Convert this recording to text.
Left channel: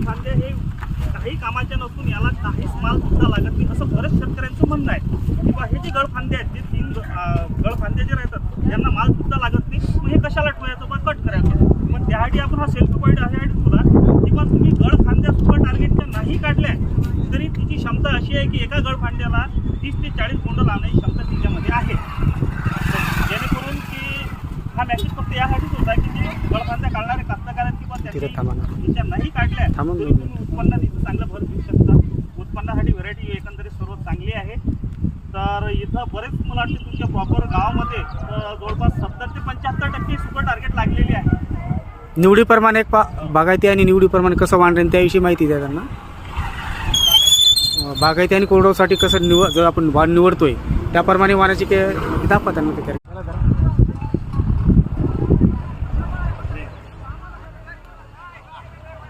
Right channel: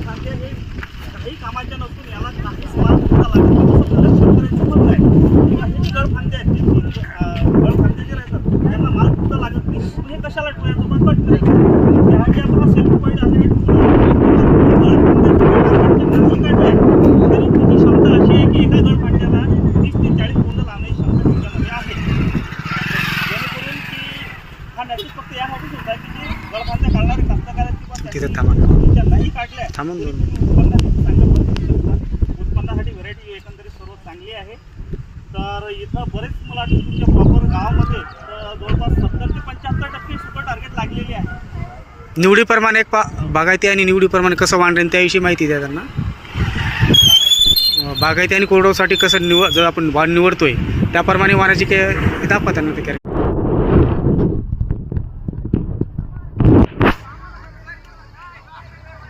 गळफांदे हे काही कामाच्या नसून याला काहीच माल सुद्धा लागत नाही, असं बरेच शेतकऱ्यांचं म्हणणं आहे. किंवा हे जे गळफांदे आहेत ते 3 गळफांदे जे राहतात त्यांना माल सुद्धा लागत नाही, मग हे कशाला ठेवायचं बा कट करायचं. त्यासाठी आपण हा सेल्फ पॉईंट असे गळफांद्या नाही काढल्या तरी तुमची क्षमता अशी आहे की एका गळफांद्याला 30 ते 40 बोंड लावण्याची क्षमता त्याच्यामध्ये आहे. जेणेकरून की हा मेसेज फक्त यासाठीच होता की जे गळफांद्या काढणारे कास्तकारांची पण नाही काढल्या उत्पन्नात चांगलं भर देऊ शकता. उत्पन्नासाठी व्हरायटी एकंदरीत सर्व चांगली आहे. तर इथं बरेच मला वाटतं तुमच्या प्रॉपर गावामध्ये जवळपास 70 ते 75% सुपर टार्गेट लागलेली आहे. निवडीप्रमाणे बागायती आणि निवडीप्रमाणे कसं वाढेल त्याविषयी माहिती द्या त्यांना. बागायती आणि कोरडवासाठी कसं जर आपण वाढ निवडतोय त्याप्रमाणे वाढायची काय दाखवा त्यांना ते